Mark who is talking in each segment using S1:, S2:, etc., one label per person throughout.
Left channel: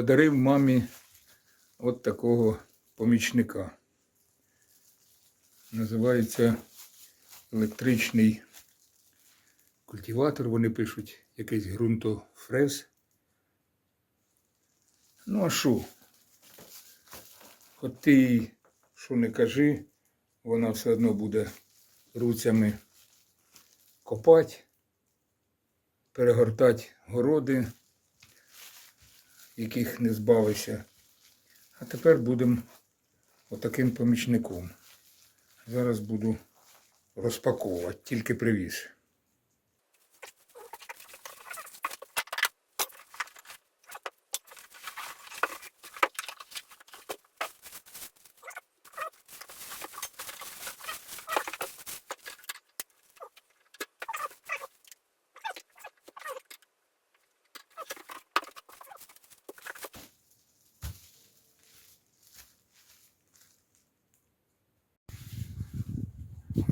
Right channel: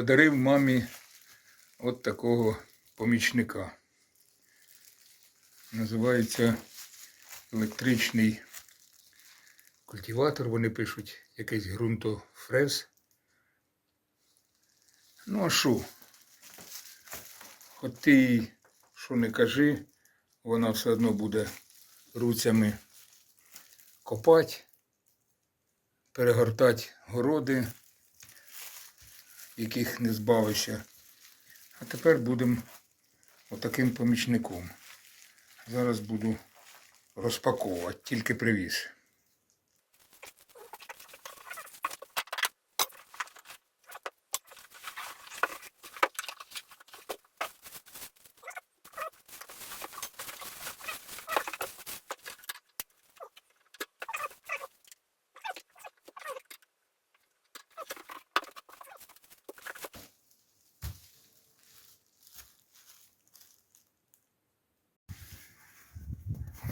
S1: подарив мамі от такого помічника. Називається електричний культиватор. Вони пишуть якийсь ґрунтофрез. Ну а що? Хоч ти що не кажи, вона все одно буде руцями копати, перегортати городи, яких не збавився. А тепер будемо отаким помічником. Зараз буду розпаковувати, тільки привіз.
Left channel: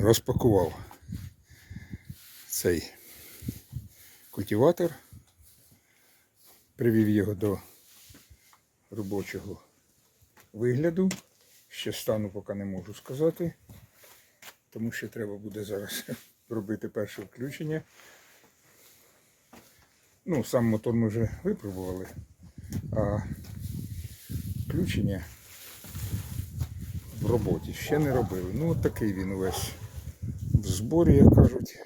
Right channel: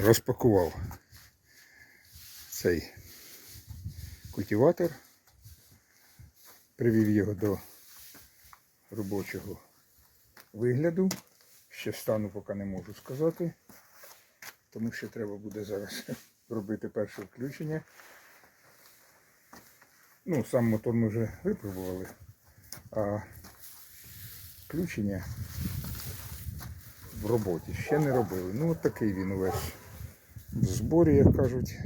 S1: Розпакував цей культиватор, привів його до робочого вигляду. Ще стану поки не можу сказати, тому що треба буде зараз робити перше включення. Ну, сам мотор ми вже випробували, а включення в роботі ще не робили. Ну, от такий він увесь в зборі, як кажуть.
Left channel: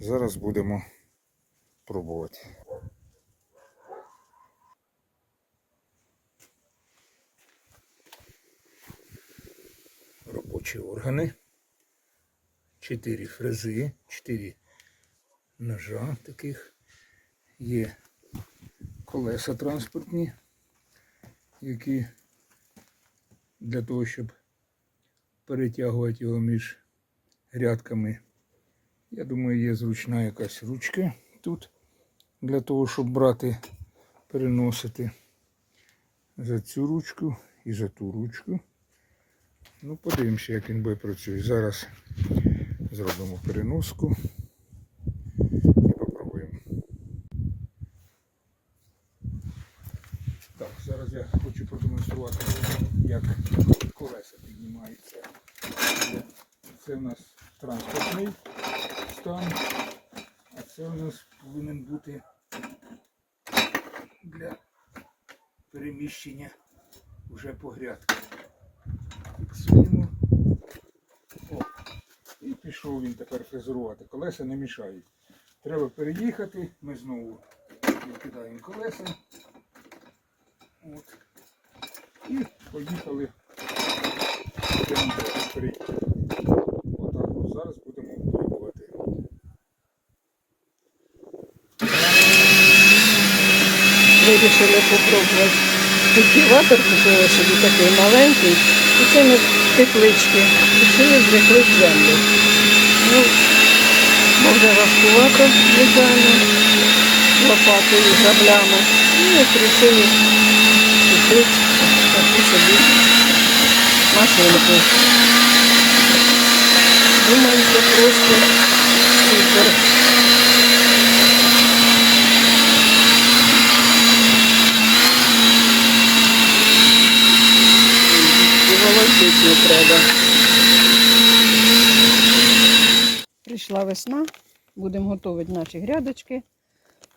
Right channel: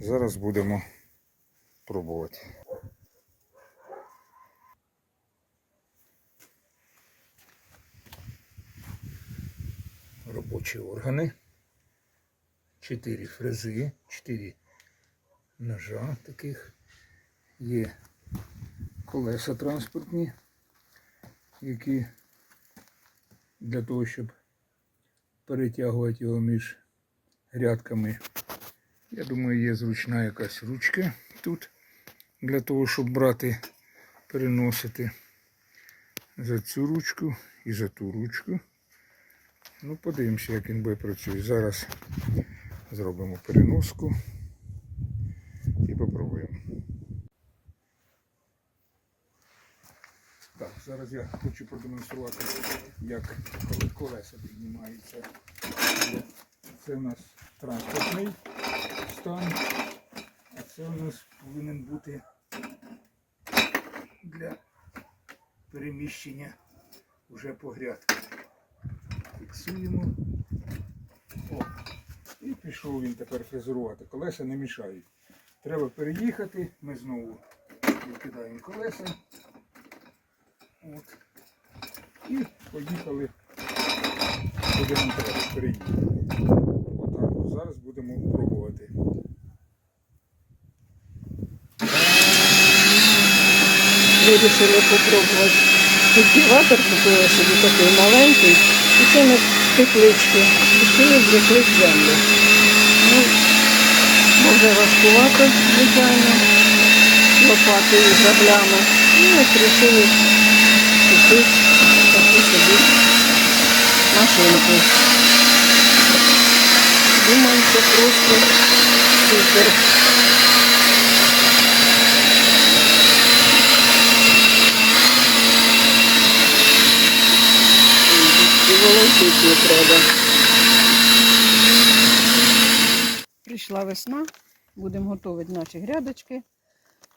S1: Зараз будемо пробувати. Робочі органи. Чотири фрези, чотири ножа таких. Є колеса транспортні, які для того, щоб перетягувати його між грядками. Я думаю, є зручна якась ручка тут для того, щоб брати, переносити за цю ручку і за ту ручку. Ну, подивимося, як він буде працює. Зараз зробимо переноску і попробуємо. Так, зараз я хочу продемонструвати, як колеса піднімаються. Це у нас транспортний стан, а це у нас повинен бути для переміщення вже по грядках. Фіксуємо. О, і пішов він тепер фрезерувати. Колеса не мішають. Треба переїхати. Ми знову викидаємо колеса. От. І поїхали будемо переїхати. Зараз будемо пробувати.
S2: Вирішили попробувати культиватор, купили собі такий маленький. І це ми теплички. Рішили звикли в землю. Ну, може важкувато, звичайно, лопатою, граблями. І от вирішили купити таку собі машинку. Думаю, це просто супер. І волочити не треба. Прийшла весна, будемо готувати наші грядочки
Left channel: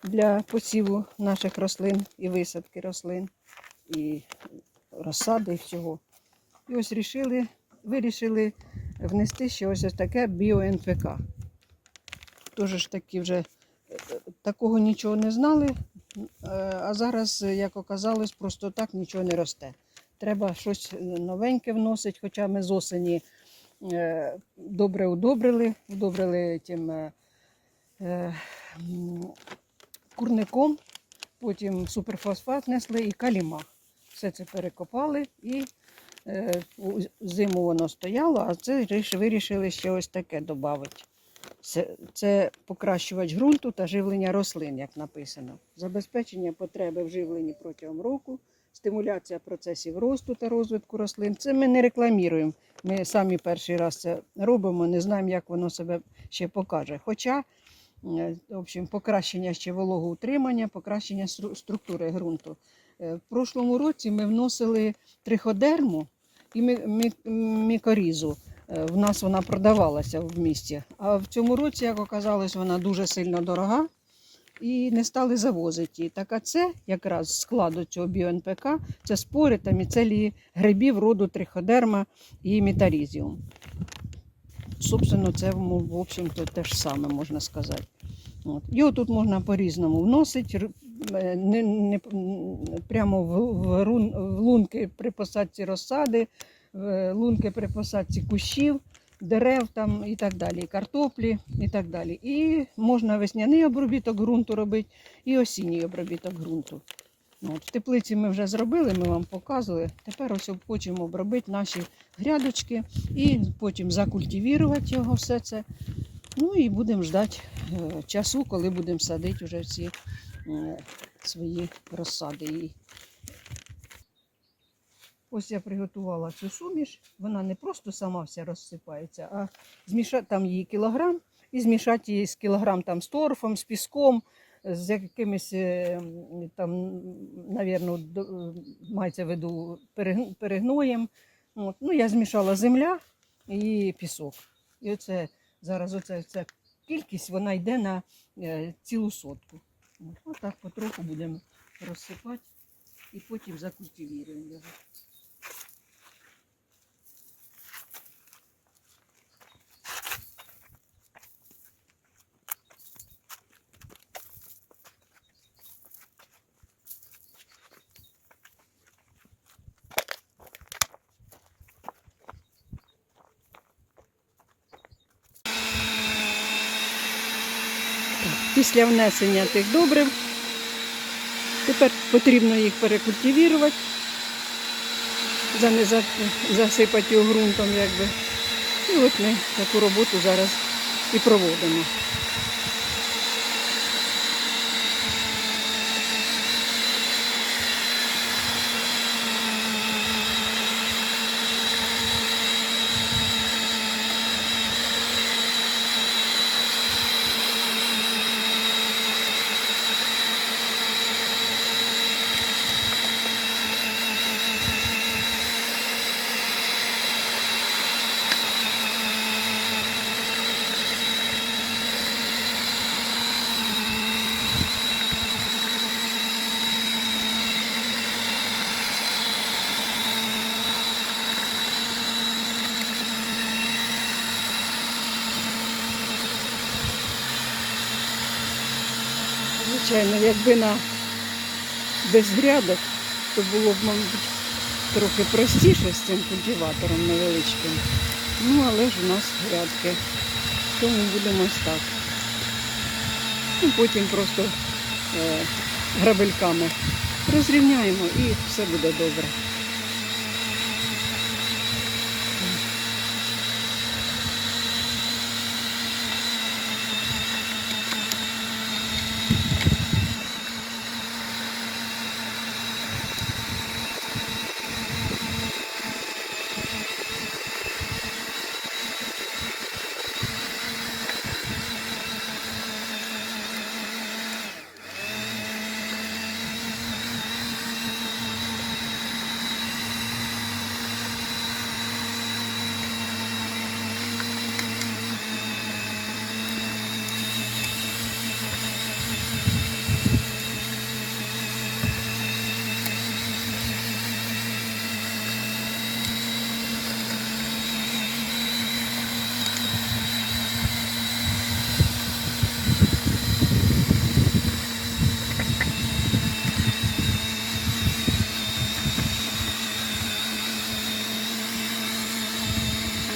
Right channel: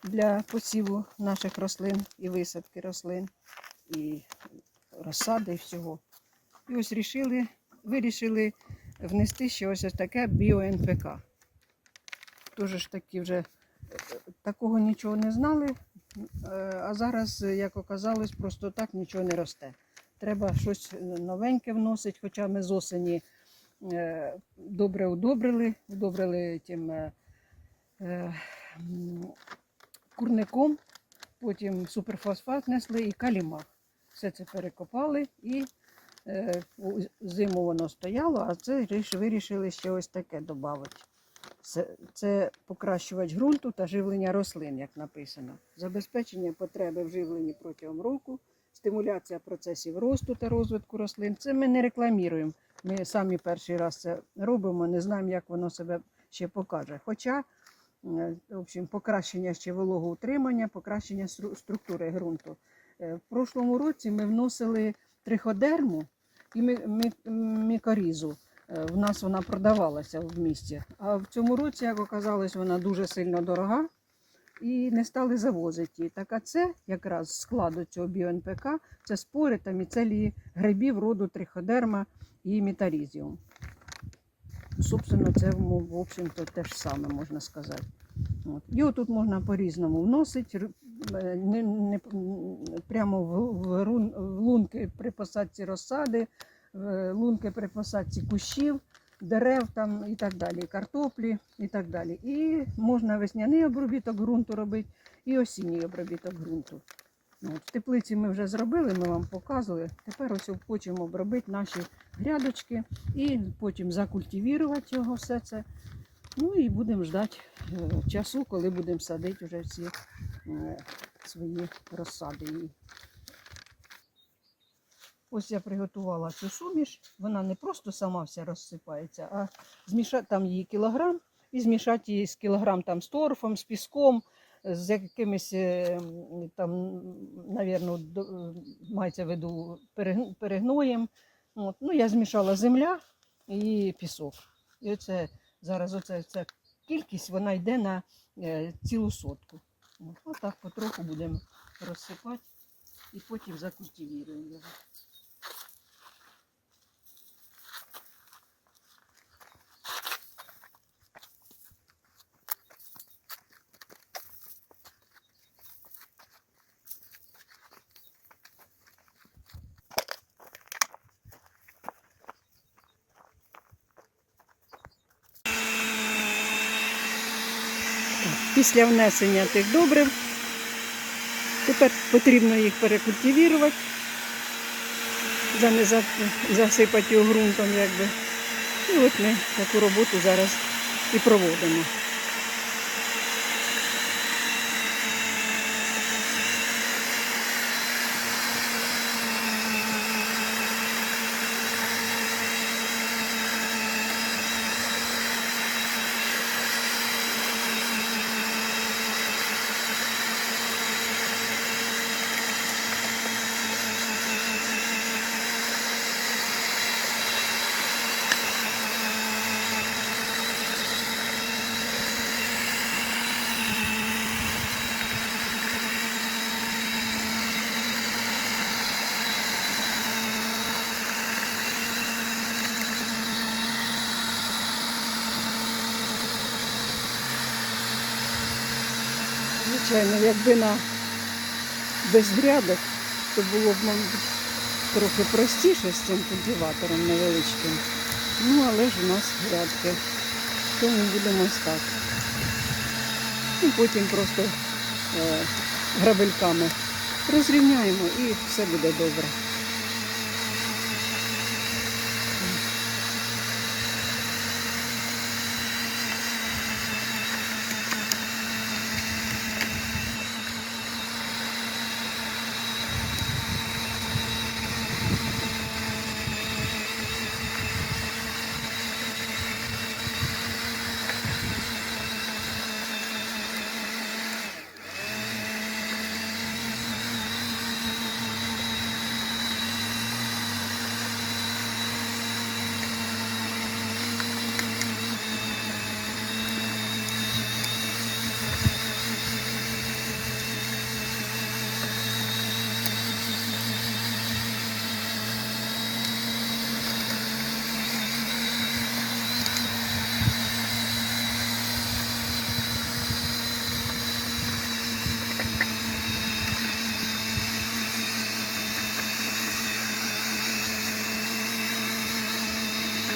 S2: для посіву наших рослин і висадки рослин, і розсади, і всього. І ось рішили, вирішили внести ще ось таке біо-НПК. Тоже ж таки вже е, такого нічого не знали, е, а зараз, як оказалось, просто так нічого не росте. Треба щось новеньке вносити, хоча ми з осені е, добре удобрили, удобрили тим е, е, курником, потім суперфосфат несли і калімах. Все це перекопали і е, зиму воно стояло, а це вирішили ще ось таке додати. Це, це покращувач ґрунту та живлення рослин, як написано. Забезпечення потреби в живленні протягом року, стимуляція процесів росту та розвитку рослин. Це ми не рекламуємо. Ми самі перший раз це робимо, не знаємо, як воно себе ще покаже. Хоча, е, в общем, покращення ще вологоутримання, покращення стру- структури ґрунту. Е, В прошлому році ми вносили триходерму і мі- мі- мікорізу. Е, В нас вона продавалася в місті. А в цьому році, як оказалось, вона дуже сильно дорога і не стали завозити її. Так а це якраз складу цього біо-НПК, це спори та міцелії грибів роду триходерма і метарізіум. Собственно, це в общем-то те ж саме можна сказати. От. Його тут можна по-різному вносити, не, не, прямо в, в, рун, в лунки при посадці розсади, в лунки при посадці кущів, дерев там і так далі, картоплі і так далі. І можна весняний обробіток ґрунту робити, і осінній обробіток ґрунту. От, в теплиці ми вже зробили, ми вам показували. Тепер ось хочемо обробити наші грядочки і потім закультивувати його все це. Ну і будемо ждати е, часу, коли будемо садити вже е, свої розсади. І Ось я приготувала цю суміш. Вона не просто сама вся розсипається, а змішати там її кілограм і змішати її з кілограм там з торфом, з піском, з якимись е, там, навірно, е, мається в виду перегноєм. От. Ну, я змішала земля і пісок. І оце зараз оце, ця кількість вона йде на е, цілу сотку. От. Отак потроху будемо розсипати і потім закультивіруємо його. Так, Після внесення тих добрив тепер потрібно їх перекультивірувати, засипати його ґрунтом, якби. І от ми таку роботу зараз і проводимо. Звичайно, якби на без то було б, мабуть, трохи простіше з цим культиватором невеличким. Ну, але ж у нас грядки. Тому будемо ось так. І потім просто е, грабельками розрівняємо і все буде добре.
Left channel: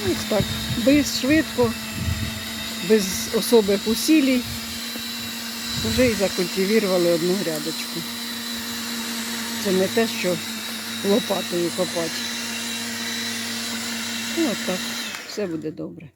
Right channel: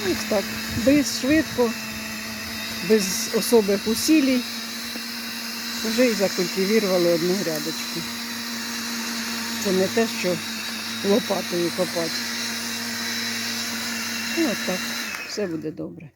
S2: Ось так, без швидко, без особих усилій. Вже і закультивірували одну грядочку. Це не те, що лопатою копати. Ну, от так, все буде добре.